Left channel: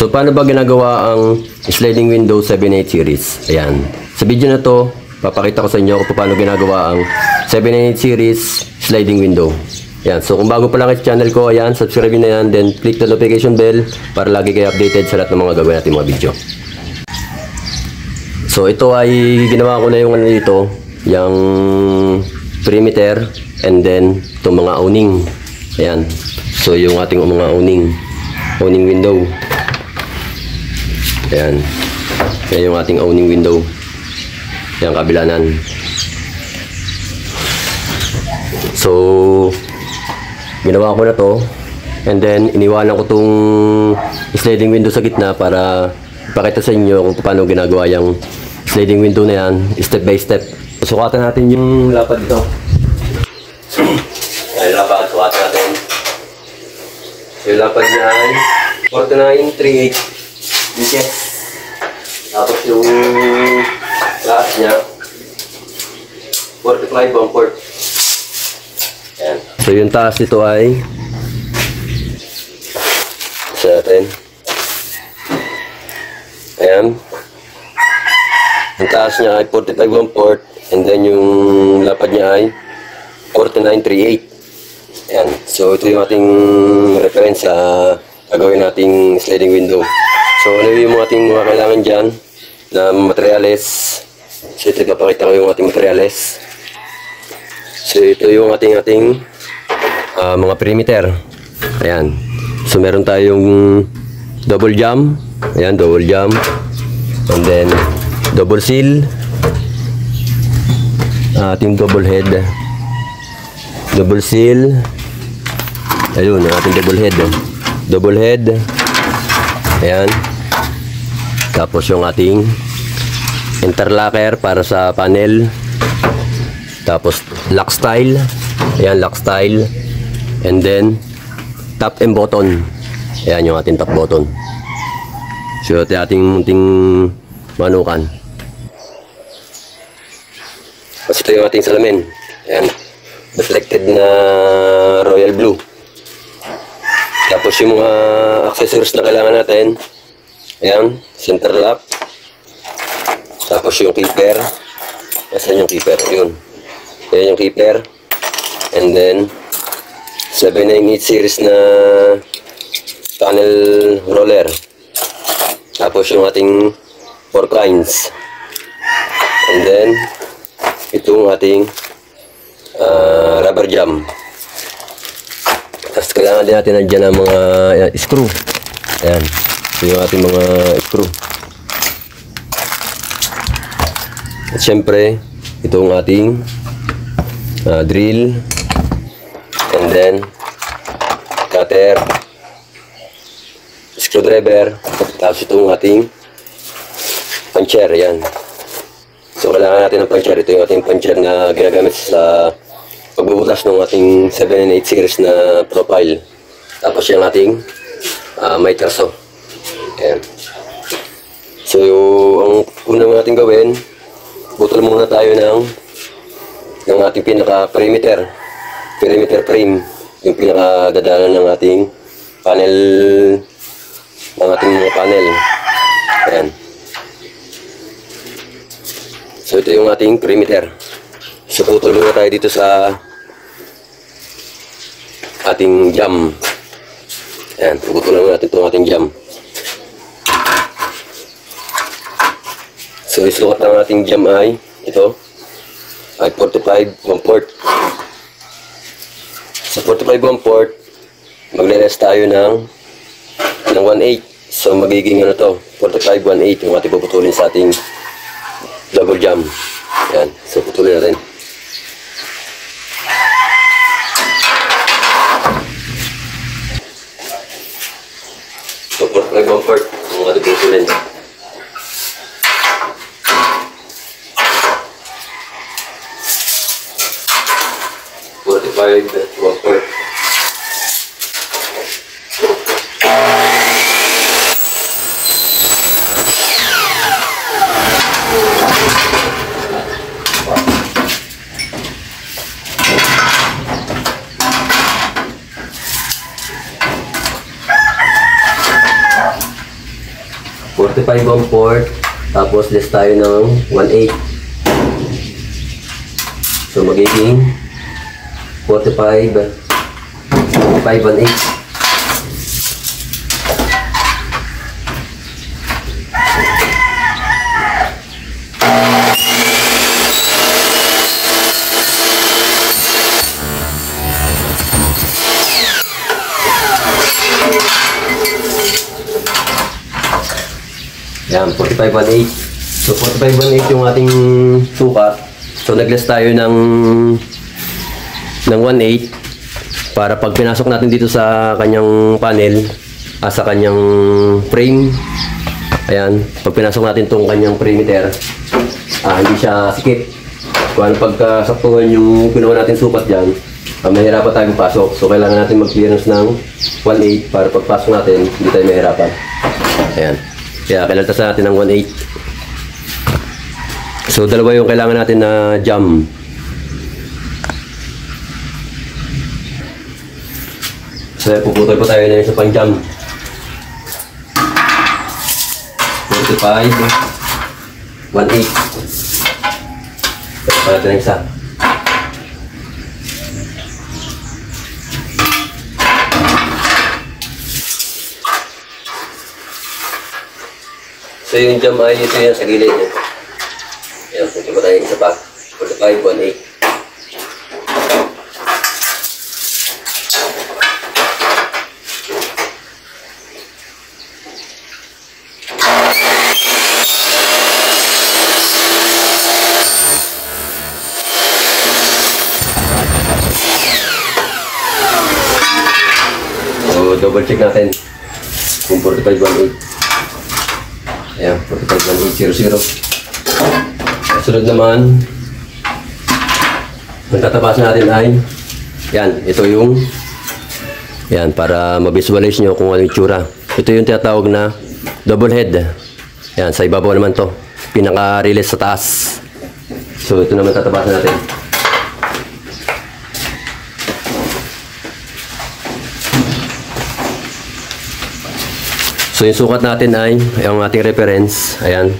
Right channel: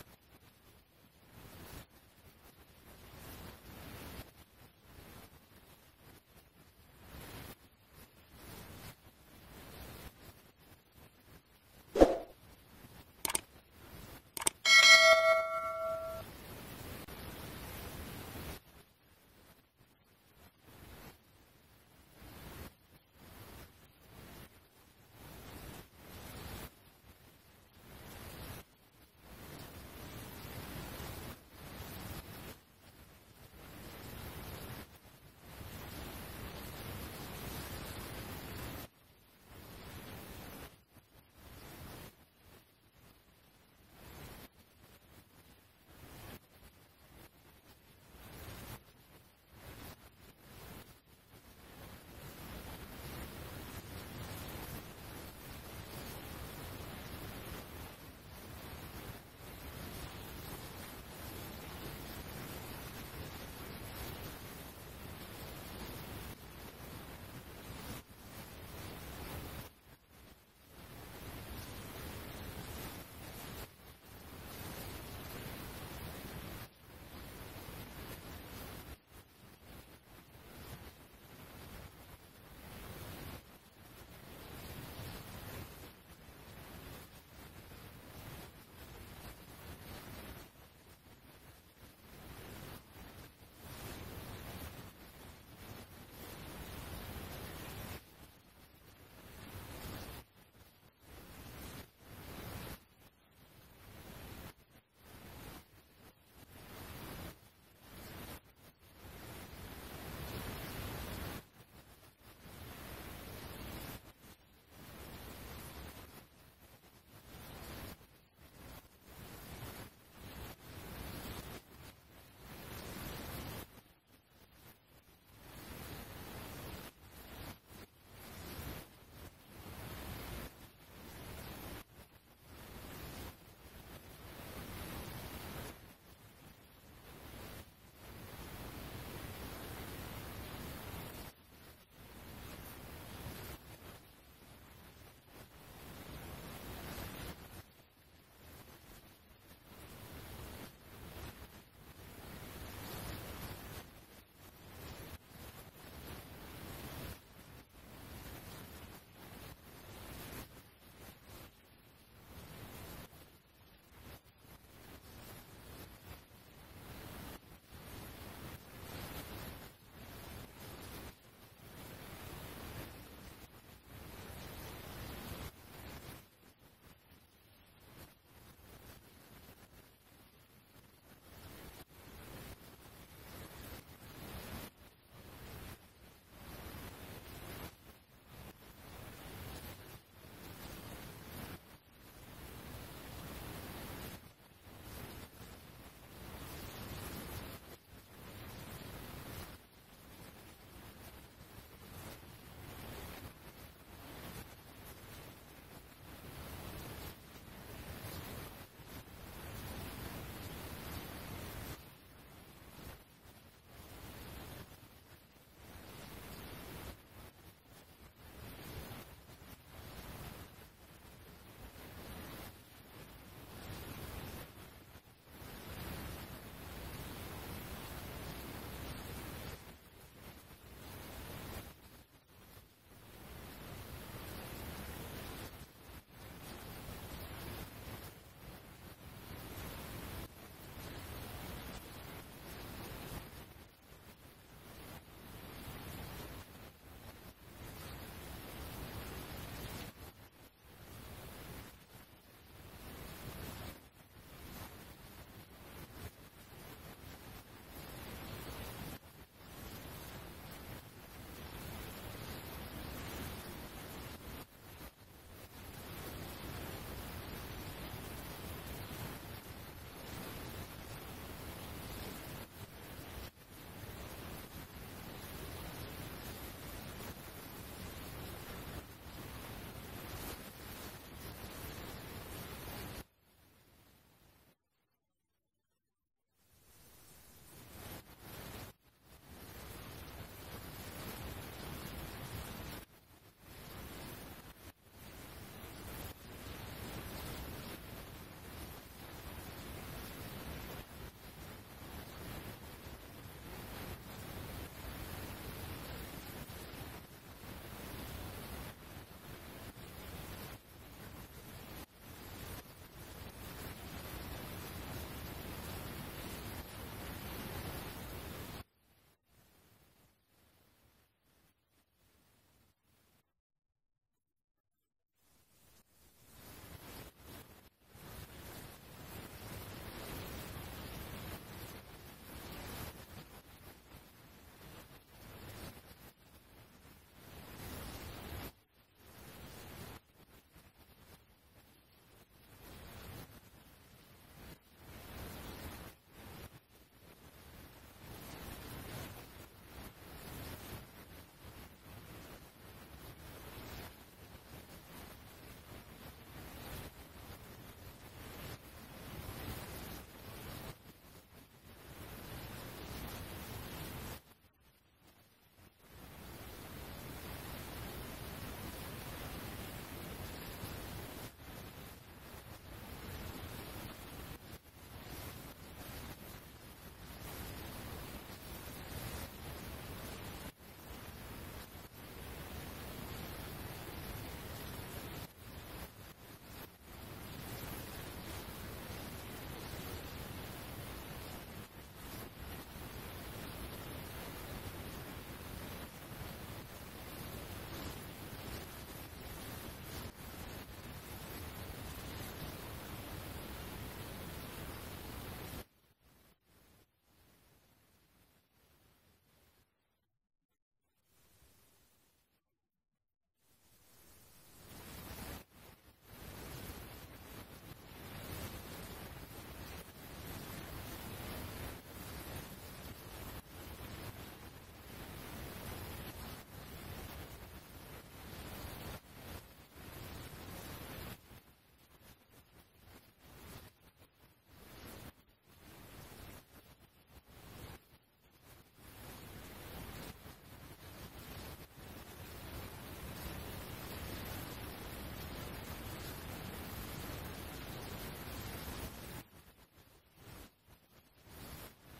So paano ba ginagawa ang sliding window 78 series? Ayan. Sa video na to, papakita ko sa inyo kung paano ginagawa ang 78 series sliding window. Ayan. So kung bago pa lang sa channel ko, ayan, subscribe na yan, then click the notification bell para lagi kayo updated sa lahat ng mga gagawin natin mga video. So ito ay ginawa ko na yung ano dito, yung perimeter and then itong mga awning. Ayan. So yung ating mga awning window. Ayan. Ayan yung ating awning window. Ayan, kabilanan. So, ginawa ko na to. And then, iniwanan ko tong sliding window sa gitna para ipakita sa inyo kung paano ginagawa yung sliding window na yan, step by step. Sukatan natin yung lapad dito. Ayan, lapad. Sukatan natin. So, yung lapad niya ay 49.38 inches. Tapos yung lahat niya 45 ang port. Ayan. So yung taas nito ay sa natin. Ayan. Ang taas niya ay 45 ang port and then yung lapad niya ay 49.38. Ayan. So ito yung ating reference sa gagawin nating sliding window. So, ano yung ating mga kailangan dyan na materyales. So, ito ipapakita ko yung ating materyales. So, ito yung ating mga perimeter. Ayan. So, meron tayong double jam. Ayan, double jam. And then, double seal. Ating double head. Double seal. Ayun, ating double head. Double head. Ayan. Tapos yung ating interlocker para sa panel. Tapos lock style. Ayan, lock style. And then top and button. Ayan yung ating top button. So ito ating munting manukan. Tapos ito yung ating salamin. Ayan. Reflected na royal blue. Tapos yung mga accessories na kailangan natin. Ayan, center lock. Tapos yung keeper. Nasaan yung keeper? Yun. Ayan yung keeper. And then 798 series na panel roller. Tapos yung ating fork lines. And then itong ating rubber jam. Tapos kailangan din natin nandiyan ang mga screw. Ayan. Ito yung ating mga screw. At syempre, ito ang ating drill. And then, cutter. Screwdriver. Tapos ito ang ating puncher. Ayan. So, kailangan natin ng puncher. Ito yung ating puncher na ginagamit sa pagbubutas ng ating 7 and 8 series na profile. Tapos yung ating may traso. Ayan. So ang unang natin gawin, butol muna tayo ng ating pinaka perimeter frame, yung pinaka dadalan ng ating panel, ng ating mga panel. Ayan. So ito yung ating perimeter. So putol muna tayo dito sa ating jam. Ayan, puputulan natin itong ating jam. So isukat ng ating jam ay ito ay 45 1 port. Sa 45 1 port, magle-less tayo ng 1/8. So magiging ano to, 45 1/8 yung ating puputulin sa ating double jam. Ayan, so putulin natin. So 45 1 port yung ating puputulin. Whopper. 45 1 port. Tapos less tayo ng 1/8. So magiging 45 1/8. Yan, 45 1/8. So 45 1/8 yung ating sukat. So nagless tayo ng 1/8 para pag pinasok natin dito sa kanyang panel, sa kanyang frame. Ayan, pag pinasok natin tong kanyang perimeter, hindi siya sikip. Kung ano pagkasaktuhan yung ginawa natin sukat dyan, mahirapan tayong pasok. So kailangan natin mag-clearance ng 1/8 para pagpasok natin, hindi tayo mahirapan. Ayan. Kaya kailangan natin ng 1/8. So dalawa yung kailangan natin na jam. So puputol po tayo na isa pang jam. 45 1/8. Ito pa natin ang isa. So yung jam ay ito yan sa gilid niya. Ayan, punti pa tayo isa pa. 45 1/8. So double check natin kung 45 1/8. Ayan, 45 1/8 00. Sunod naman, ang tatabasan natin ay yan, ito yung yan, para ma-visualize nyo kung ano yung tsura. Ito yung tinatawag na double head. Yan, sa ibabaw naman to, pinaka-release sa taas. So ito naman tatabasan natin. So yung sukat natin ay yung ating reference. Ayan.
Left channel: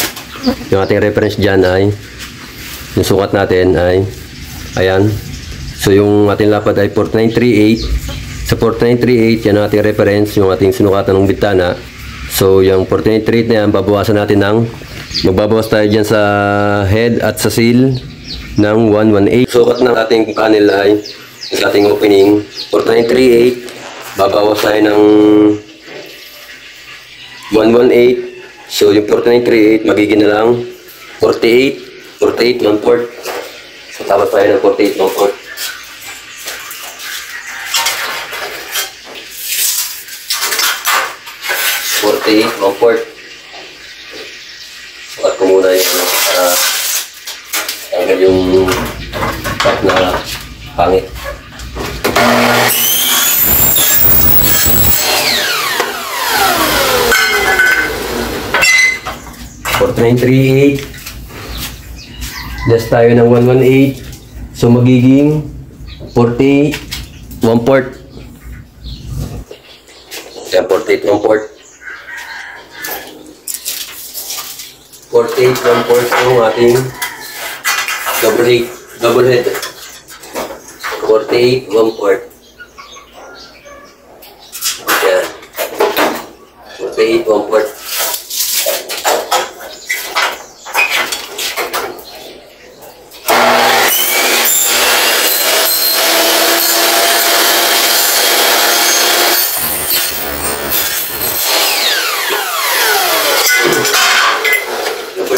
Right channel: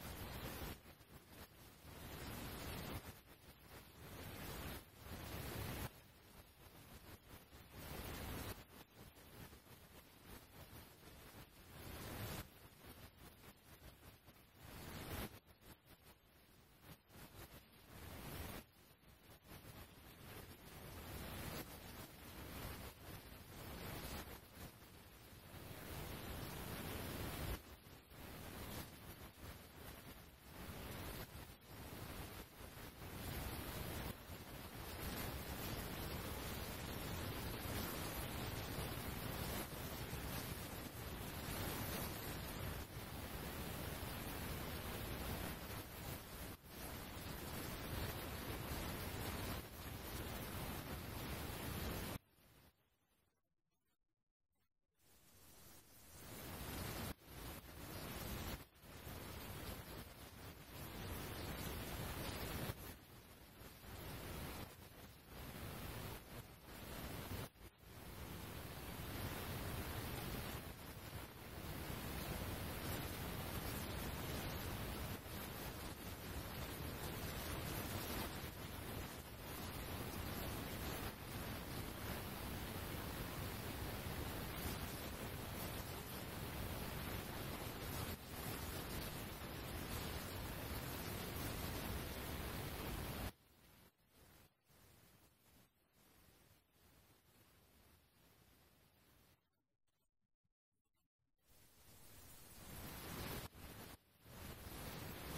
Yung ating reference dyan ay yung sukat natin ay ayan. So yung ating lapad ay 4938. Sa 4938 yan ang ating reference, yung ating sinukatan ng bintana. So yung 4938 na yan, babawasan natin ng magbabawas tayo dyan sa head at sa seal ng 118. Sukat ng ating panel ay sa ating opening 4938. Babawas tayo ng 118. So yung 4938 magiging na lang 48 1 port. So tapos tayo ng 48 1 port. Sukat ko muna yung tanggal yung part na pangit. 4938. Less tayo ng 118. So magiging 48 1 port. Yan, 48 1 port. 48 1 port yung ating double head. 48 1 port. Yan. 48 1 port.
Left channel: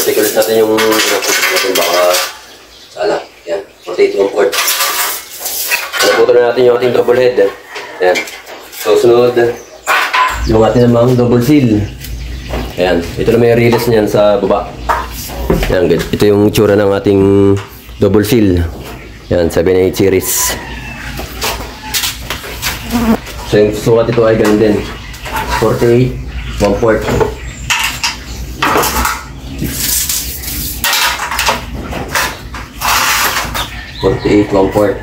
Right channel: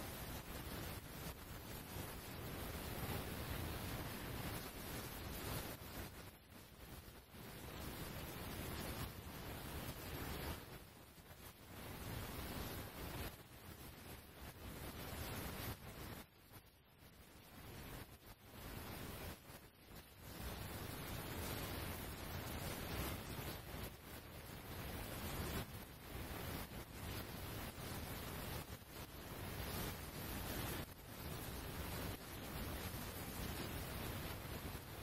Check natin yung natin baka sala. Yan, 48 1 port. Naputol na natin yung ating double head. Yan. So sunod yung ating namang double seal. Ayan, ito na may release niyan sa baba. Yan, ito yung tsura ng ating double seal. Yan, 7-8 series. So yung sukat ito ay ganun din. 48 1 port. 48 1 port.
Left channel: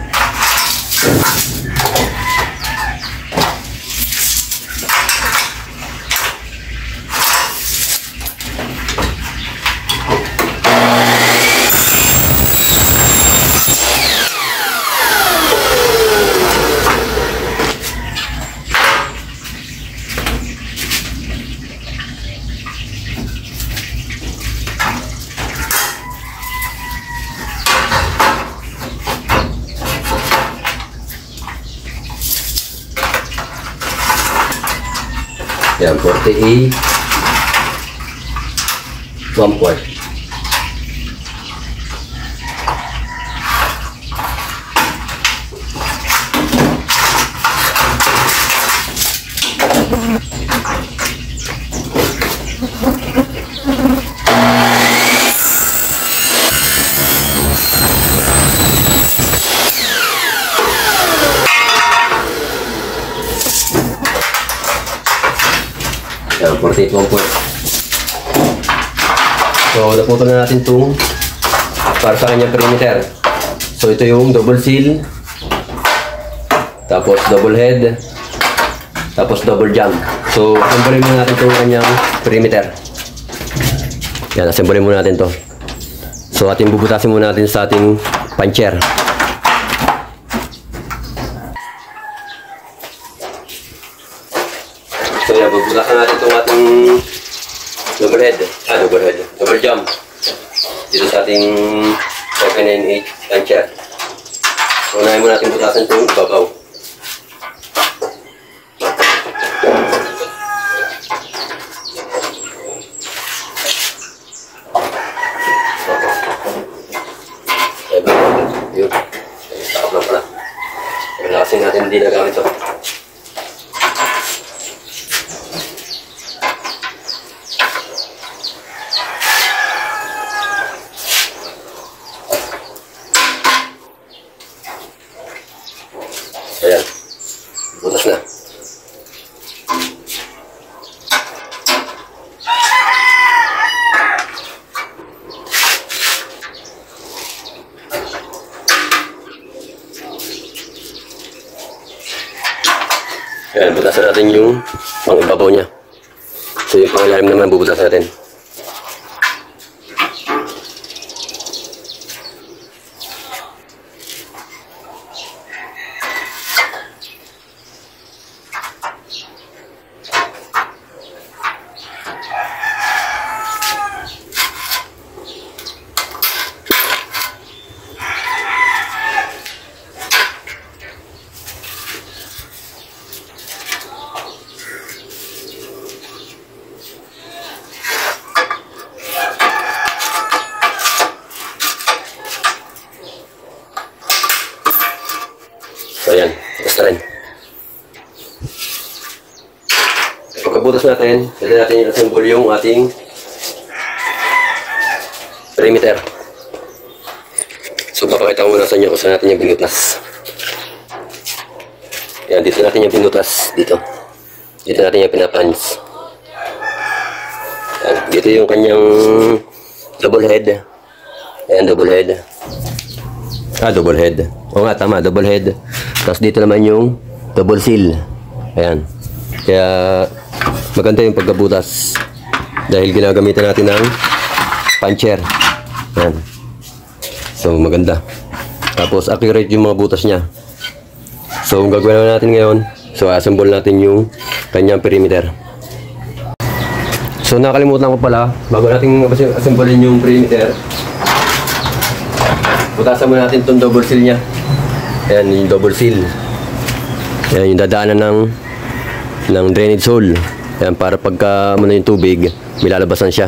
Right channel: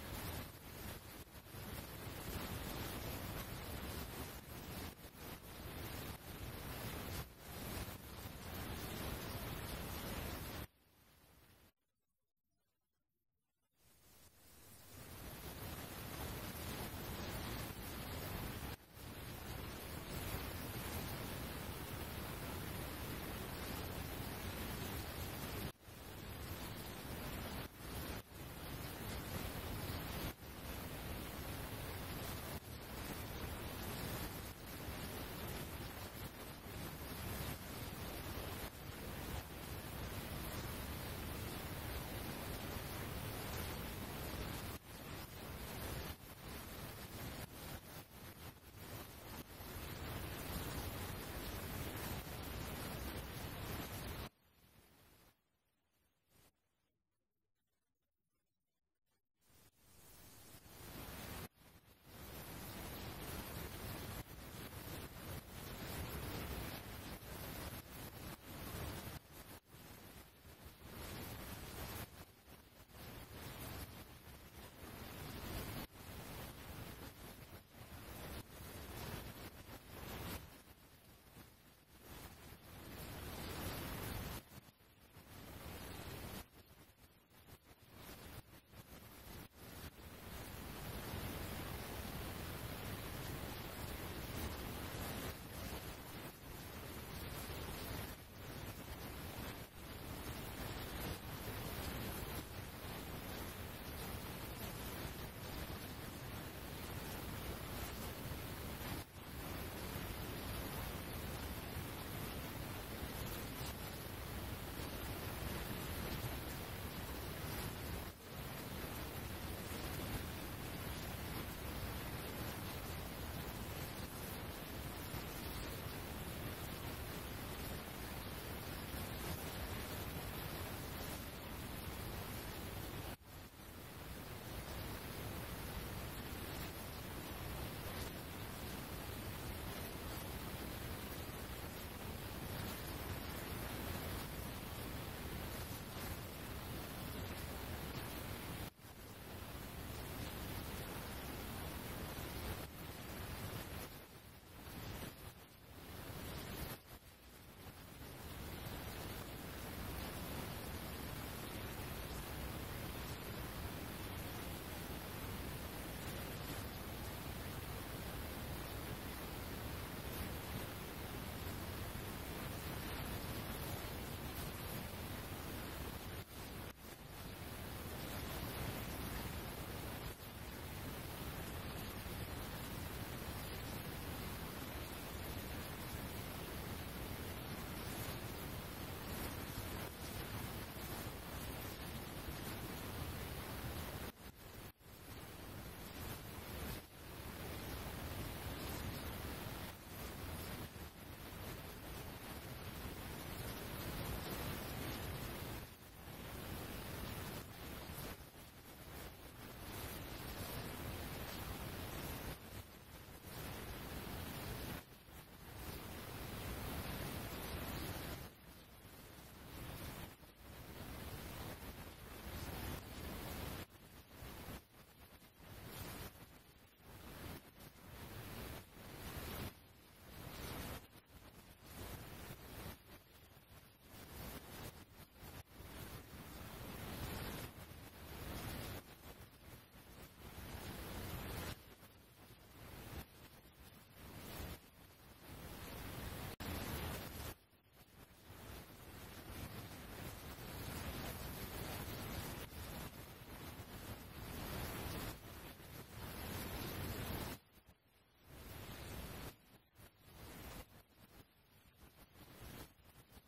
Yan, 48. 1/4. Yan, 48 1/4. So, naputol na natin itong para sa kanyang perimeter. So, ito yung double seal, tapos double head, tapos double jump. So, assemble muna natin itong kanyang perimeter. Yan, assemble muna natin to. So, ating bubutasin muna natin sa ating puncher. So, yan, bubutasan natin itong ating double jump dito sa ating 798 puncher. So, unahin muna natin butasan itong ibabaw. Yun. Takap lang pala. Kasi natin hindi nagamit ito. Ayan. Butas na. Ayan, butasan natin yung pang-ibabaw niya. So yung pang-ilalim naman bubutasan natin. So ayan, basta rin. Pagkabutas natin, pwede natin i-assemble yung ating perimeter. So papakita ko muna sa inyo kung saan natin yung binutas. Ayan, dito natin yung binutas. Dito natin yung pinapans. Ayan, dito yung kanyang double head. Ayan, double head. Double head. Oo nga, tama, double head. Tapos dito naman yung double seal. Ayan. Kaya maganda yung pagkabutas. Dahil ginagamitan natin ng puncher. Ayan. So maganda. Tapos accurate yung mga butas niya. So ang gagawin natin ngayon, so assemble natin yung kanyang perimeter. So nakalimutan ko pala, bago natin assemblein yung perimeter, butasan muna natin itong double seal niya. Ayan, yung double seal. Ayan, yung dadaanan ng drainage hole. Ayan, para pagka muna yung tubig, may lalabasan siya.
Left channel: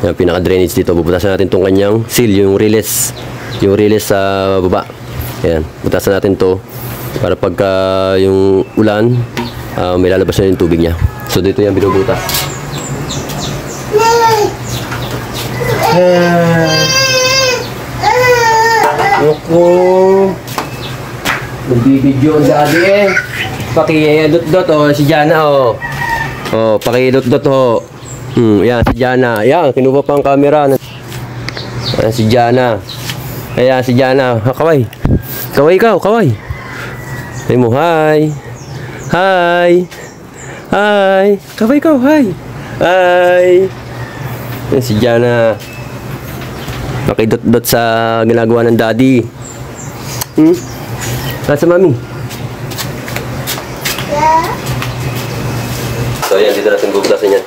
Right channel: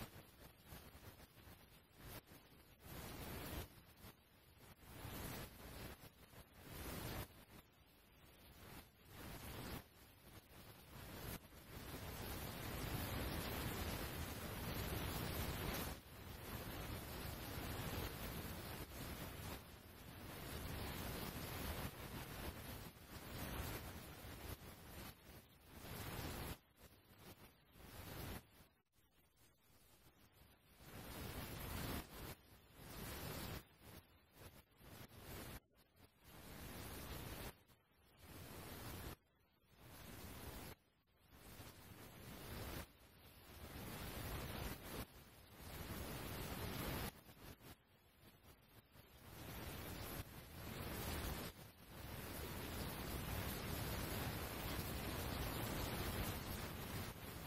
Ayan, pinaka-drainage dito. Bubutasan natin itong kanyang seal, yung release. Yung release sa baba. Ayan, butasan natin to para pagka yung ulan, may lalabasan yung tubig niya. So, dito yan binubutas. Naku, nagbibidyo ang daddy eh. Paki-dot-dot oh, si Jana oh. Oh, paki-dot-dot oh. Yan, si Jana. Yan, kinuha pa ang camera. Yan, si Jana. Ayan, si Jana. Kaway. Kaway ikaw, kaway. Say mo, hi. Hi. Hi. Kaway ikaw, hi. Hi. Yan, si Jana. Pakidot-dot sa ginagawa ng daddy. Nasa mami? Yeah. So ayan, dito natin bubutasin yan.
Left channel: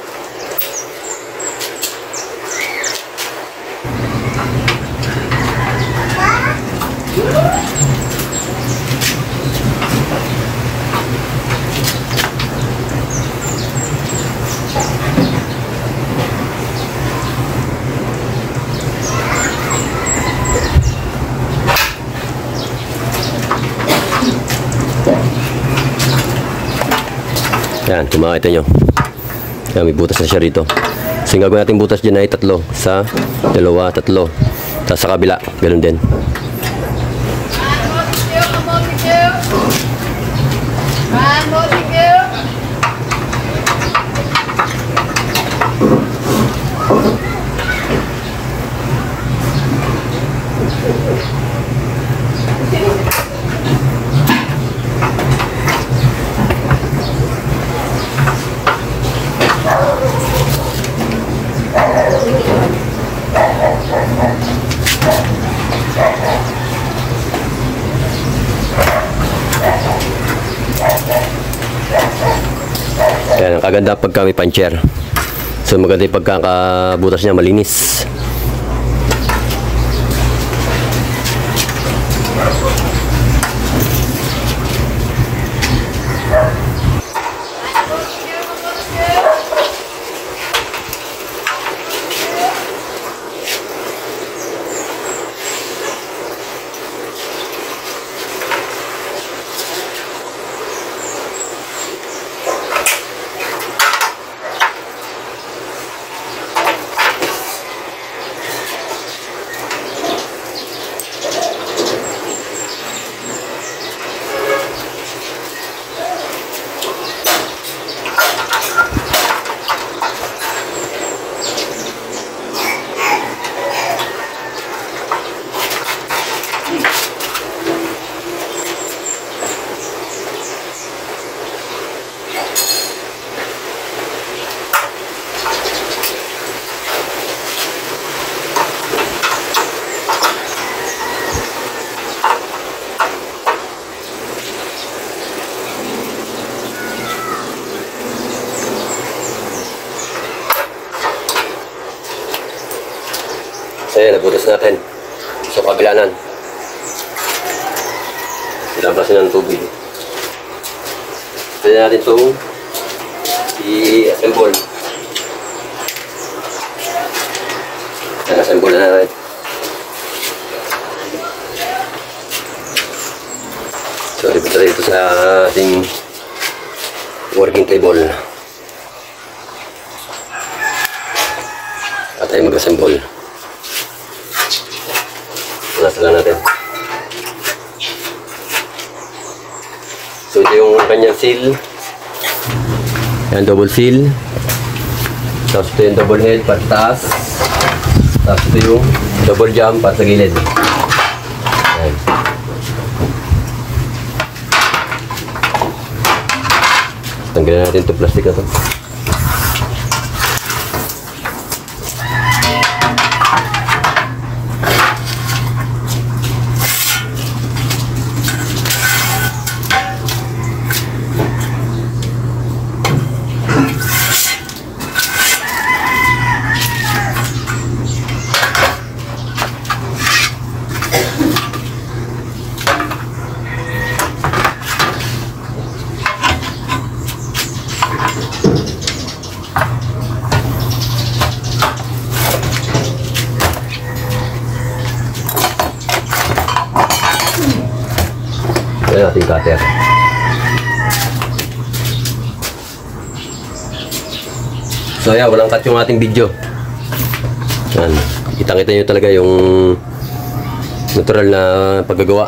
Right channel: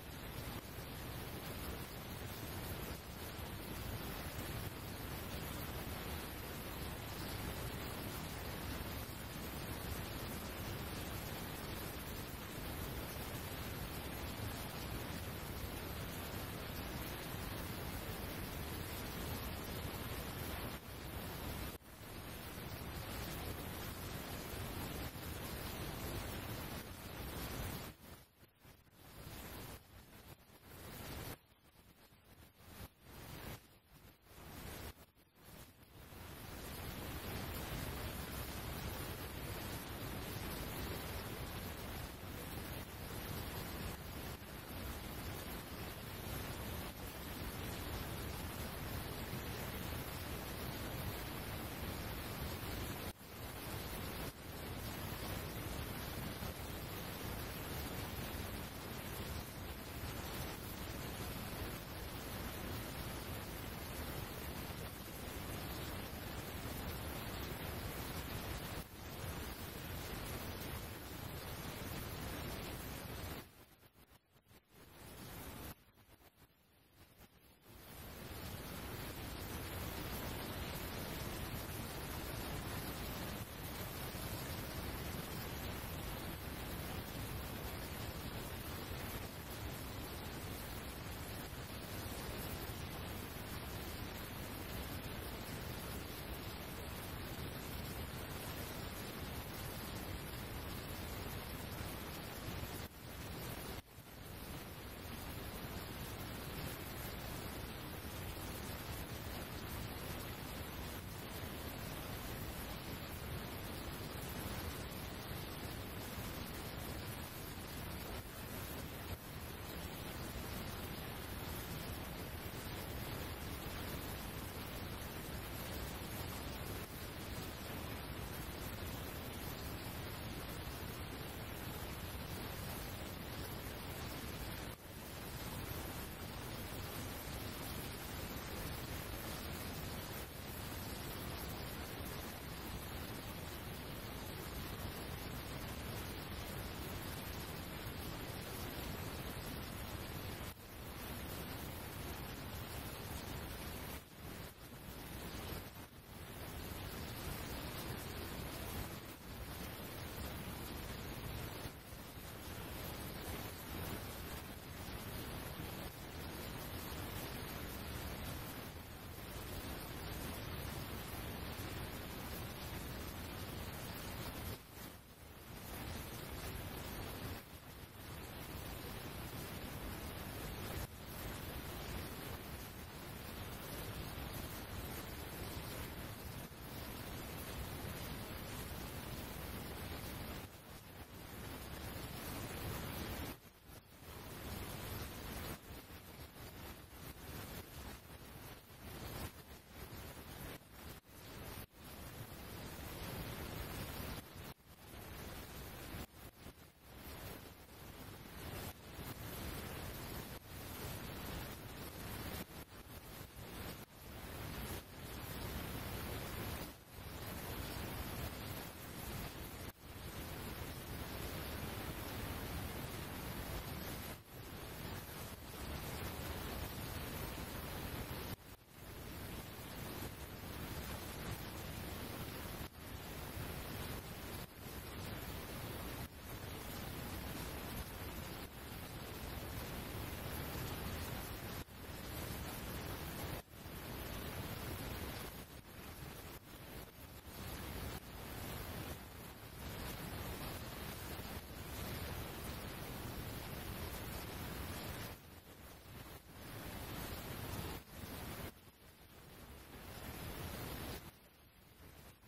kung makita nyo. Yan, may butas na siya rito. So yung gagawin natin butas dyan ay 3. 1, 2, 3. Tapos sa kabila, ganun din. Yan, ang kaganda pagka may puncher. So maganda yung pagkakabutas niya, malinis. So yan, nabutas natin. So kabilanan. Nilabasin ng tubig. Pwede natin itong i-assemble. Assemble na natin. So lipat natin ito sa ating working table. At tayo mag-assemble. Nasa lang natin. So ito yung kanyang seal. Yan, double seal. Tapos ito yung double head para taas. Tapos ito yung double jump para sa gilid. Yan. Tanggalin natin ito plastic na ito. Ayan ating cutter. So ayan, walang cut yung ating video. Ayan, kitang-kita nyo talaga yung natural na paggagawa.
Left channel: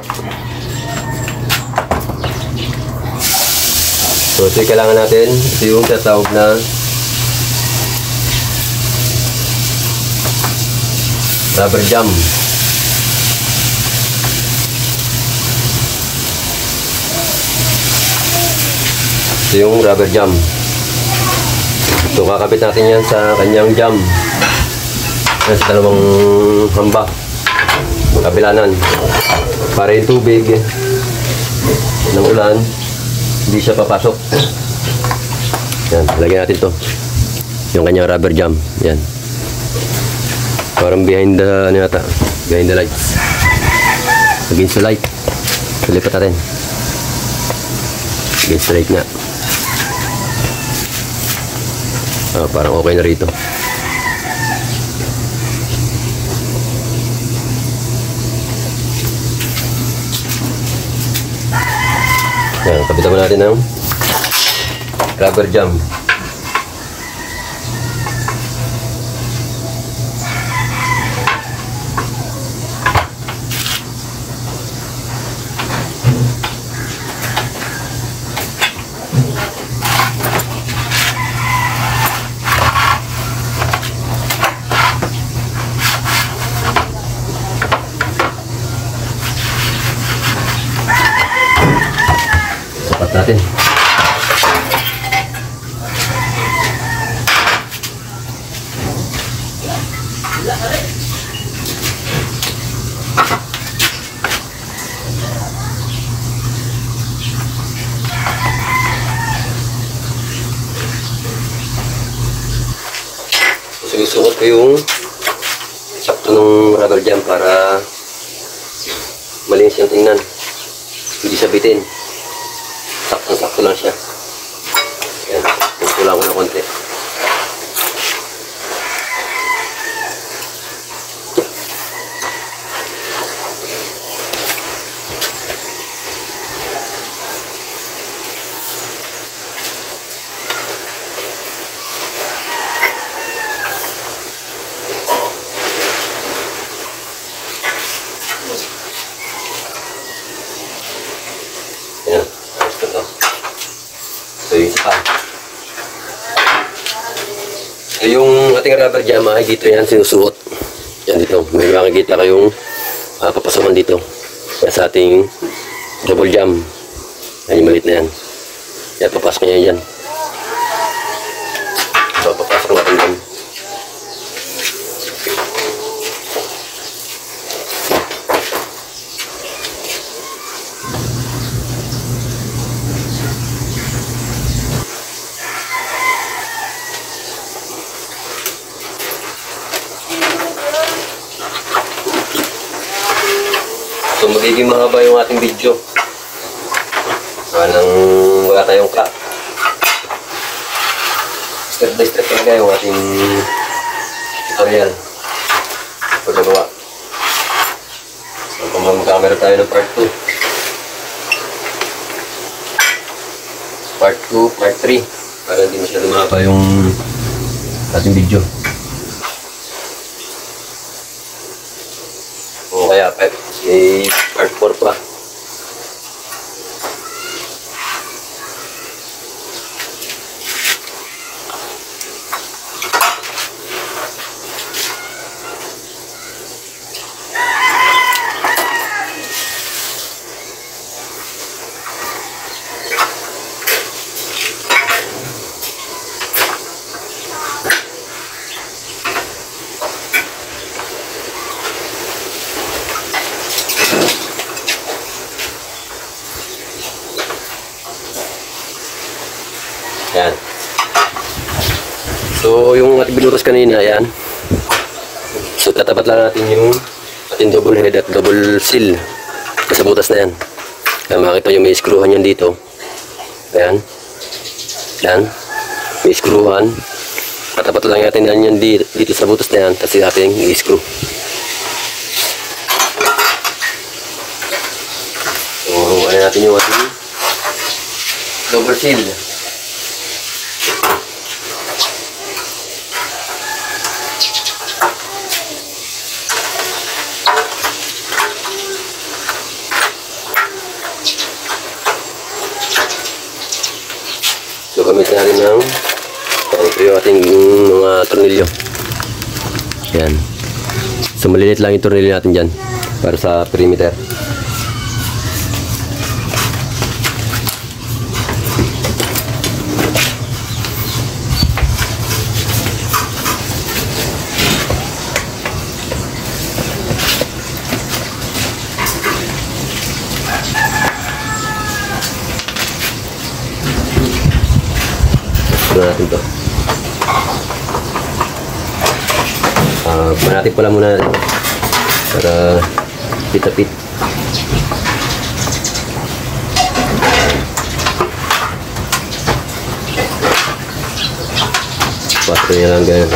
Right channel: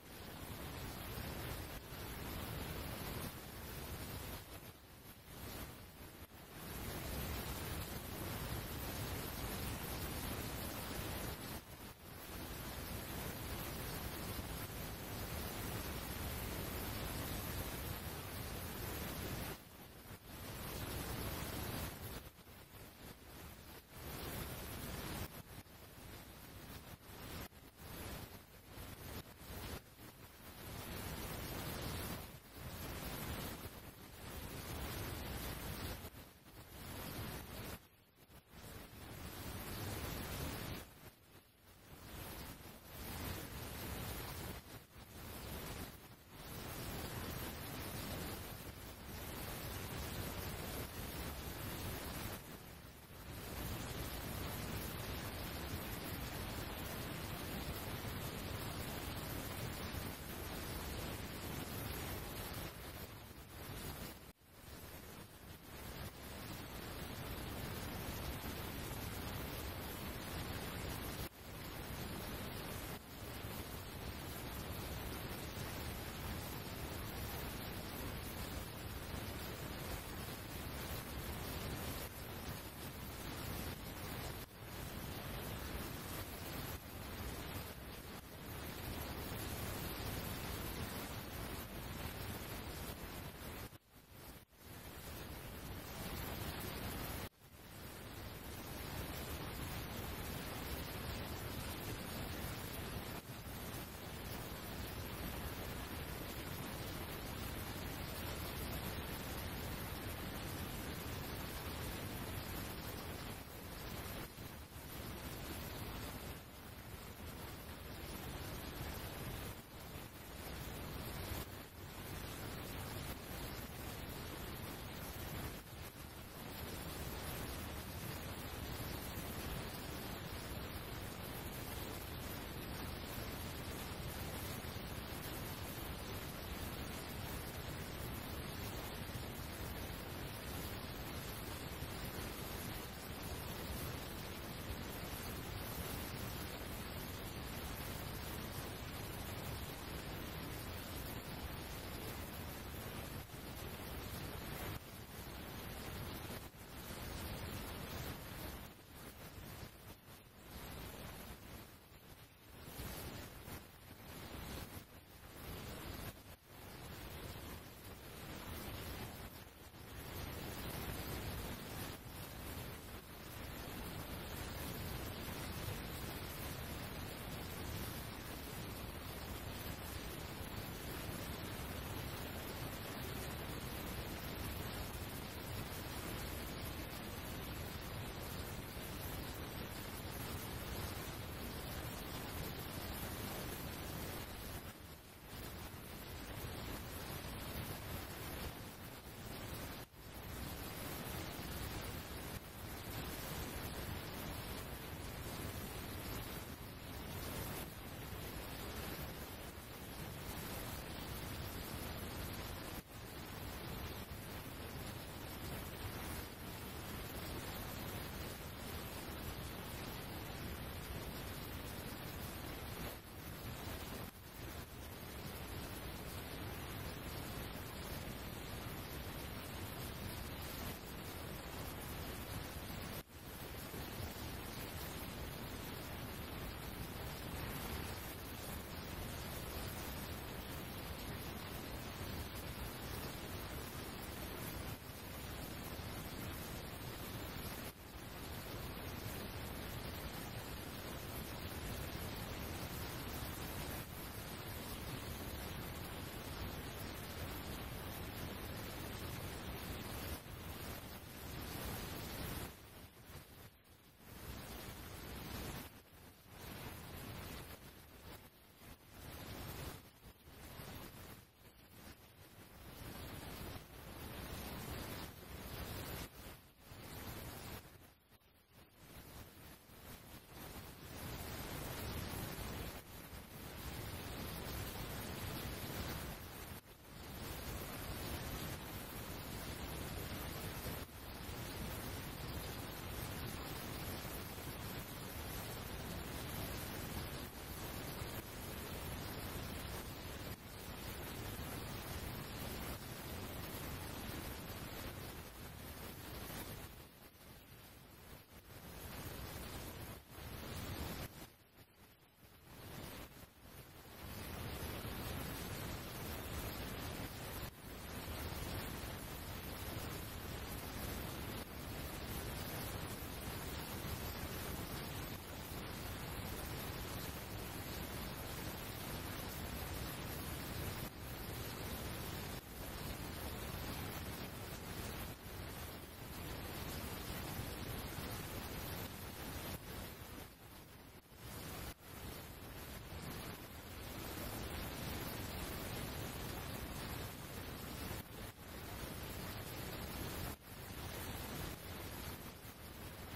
So ito yung kailangan natin. Ito yung tatawag na rubber jam. Ito yung rubber jam. So kakabit natin yan sa kanyang jam. Yan sa dalawang hamba. Kabilanan. Para yung tubig ng ulan hindi siya papasok. Yan, lagyan natin to. Yung kanyang rubber jam. Yan. Parang behind the, ano yata, behind the lights. Against the light. Lipat natin. Against the light nga. Parang okay na rito. Yan, kapitan mo natin ng rubber jam. Sapat natin. Susuot ko yung sakto ng rubber jam para malinis yung tingnan. Hindi sabitin. Sakto lang siya. Ayan. Kulang ko na konti. Ayan. So yung isa pa. So yung ating rubber jam ay dito yan sinusuot. Yan dito. May makikita kayong papasokan dito. Yan sa ating double jam. Yan yung maliit na yan. Yan papasok niya yan. So papasok natin yan. So magiging mahaba yung ating video. Nang wala tayong cut. Step by step talaga yung ating tutorial. Pagkagawa. So kung mag-camera tayo ng part 2. Part 2, part 3. Para hindi masyado mahaba yung ating video. O kaya part 4 pa. Yan. So, yung ating binutos kanina, yan. So, tatapat lang natin yung ating double head at double seal sa butas na yan. Kaya makita nyo may screwhan yan dito. Ayan. Yan. May screwhan. Tatapat lang natin yan dito sa butas na yan. Kasi ating i-screw. So, ano natin yung ating double seal. So gamitin natin ng ito yung ating mga tornilyo. Yan. So malilit lang yung tornilyo natin dyan para sa perimeter. Natin to. Manatik pala muna para pitapit. Pasto niya lang ganyan.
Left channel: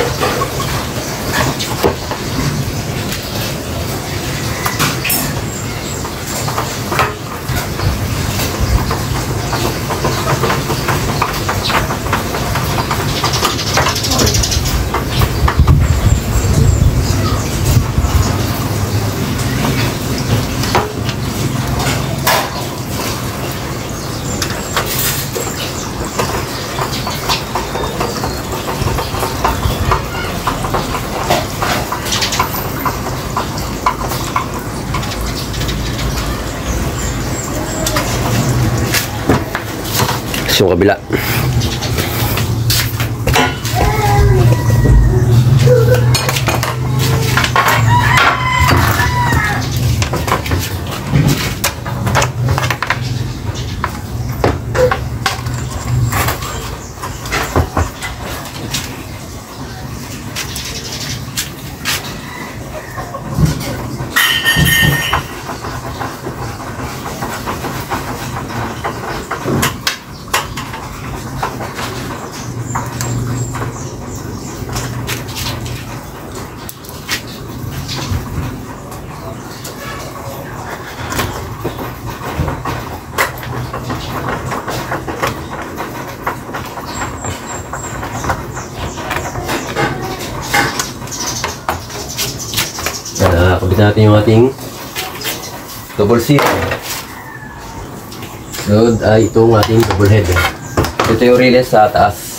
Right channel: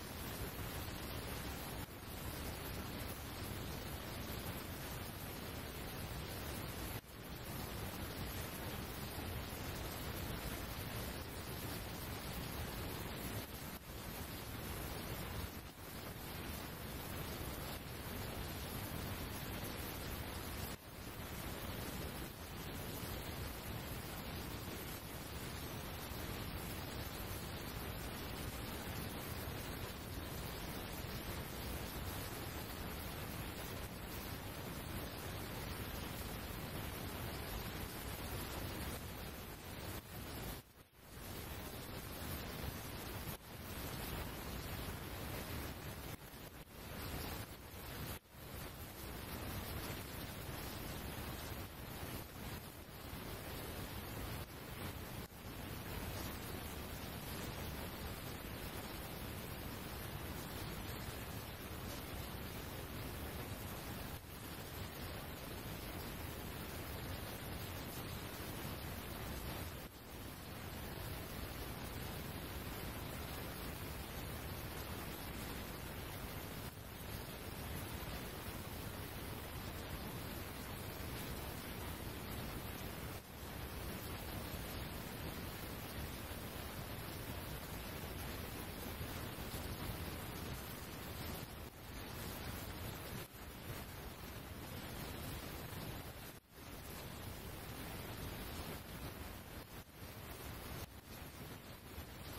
yung kabila. Kabit natin yung ating double seal. Sunod ay itong ating double head. Ito yung release sa taas.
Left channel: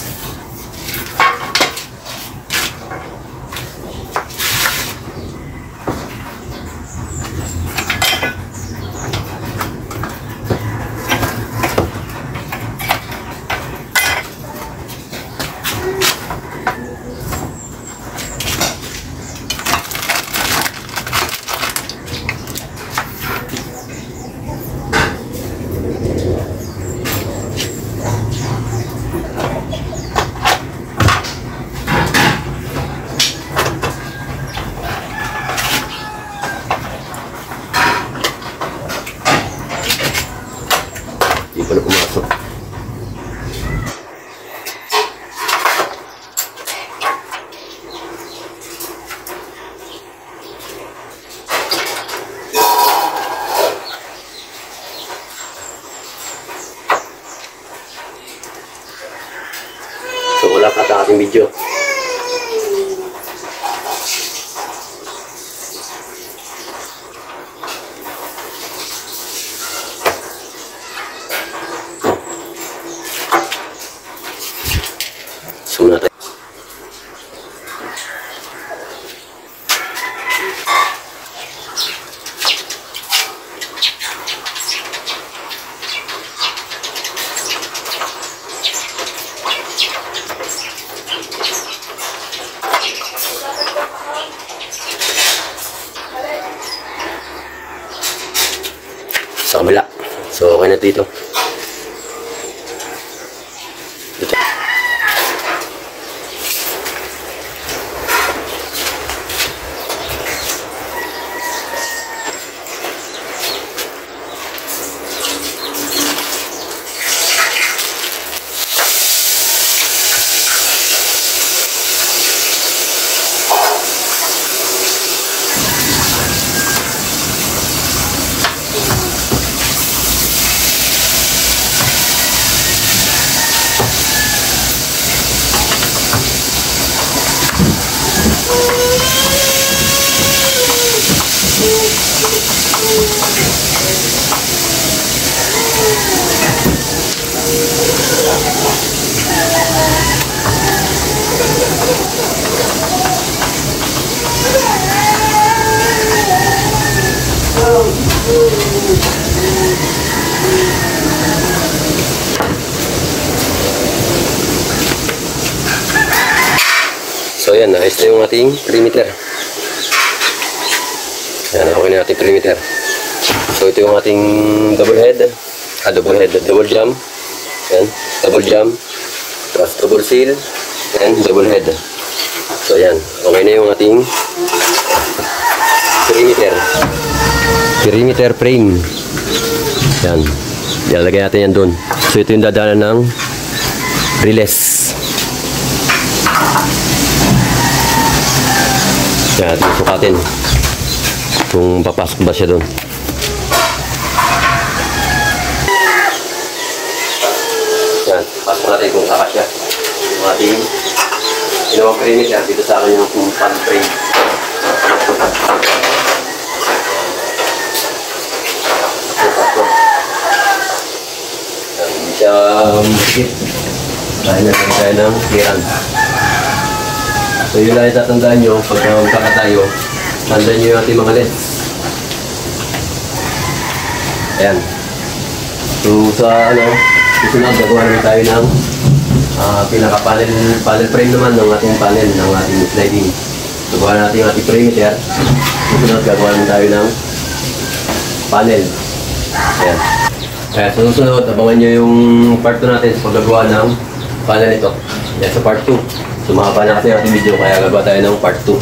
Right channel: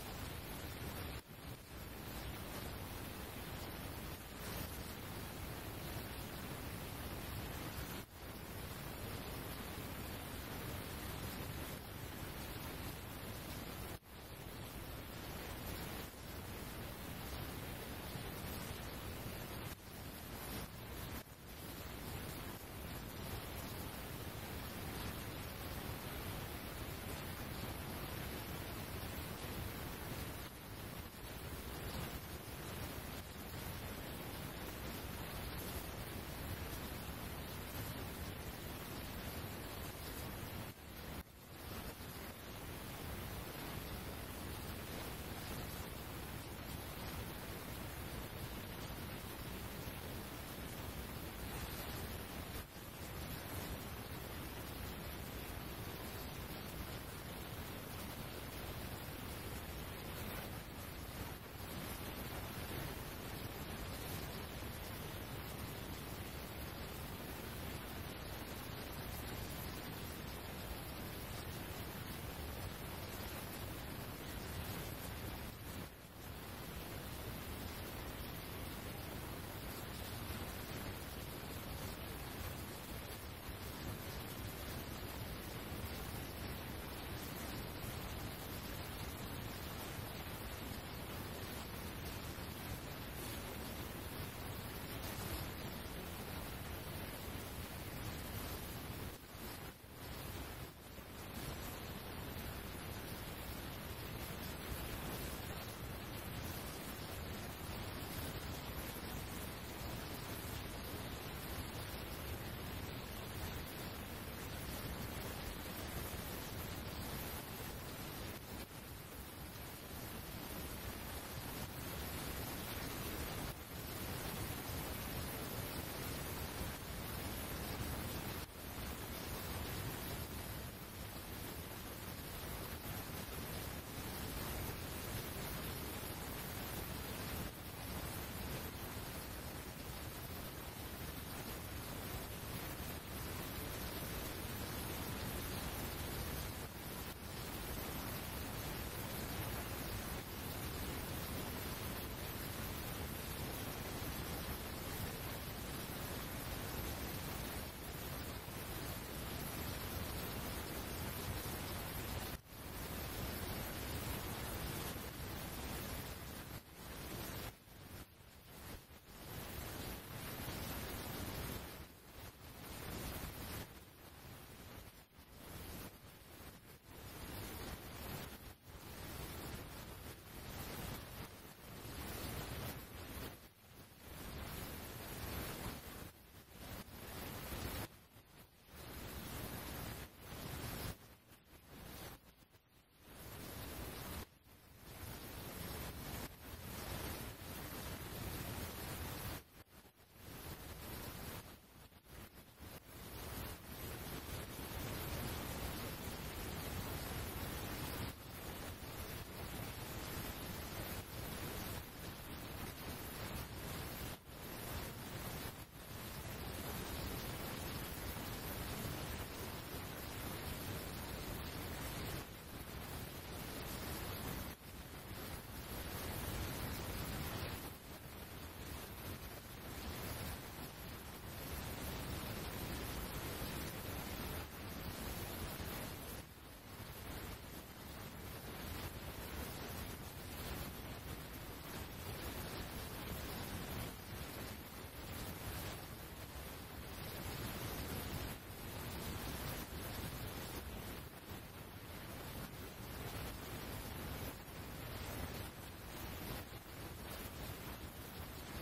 Hindi pala pumasok. So wala pa sa ating video. So natin. Sa kabila. So okay na dito. So yan, ayos na yung ating perimeter. Yan, okay na ating perimeter. So ito yung ating double head, double jump. Yan, double jump, tapos double seal, and double head. So yan, okay na yung ating perimeter frame. Yan, ilalagay natin yan dun. So ito yung dadaanan ng release. Yan, sukatin kung papasok ba siya dun. Yan, pasok natin kung saka siya. Yung ating ginawang perimeter dito sa akin yung pan frame. Hindi siya makikit. Dahil natin tayo ng clearance. So yun lang yung tatandaan nyo pag magkaka tayo. Tandaan nyo yung ating mga lens. Ayan. So sa Susunod, gagawa naman tayo ng panel frame naman ng ating panel, ng ating sliding. Gagawa natin yung ating perimeter. Susunod, gagawa naman tayo ng panel. Ayan. Kaya sa susunod, abangan nyo yung part 2 natin sa paggagawa ng panel ito. Yan sa part 2. Sumaba na kasi yung ating video, kaya gagawa tayo ng part 2.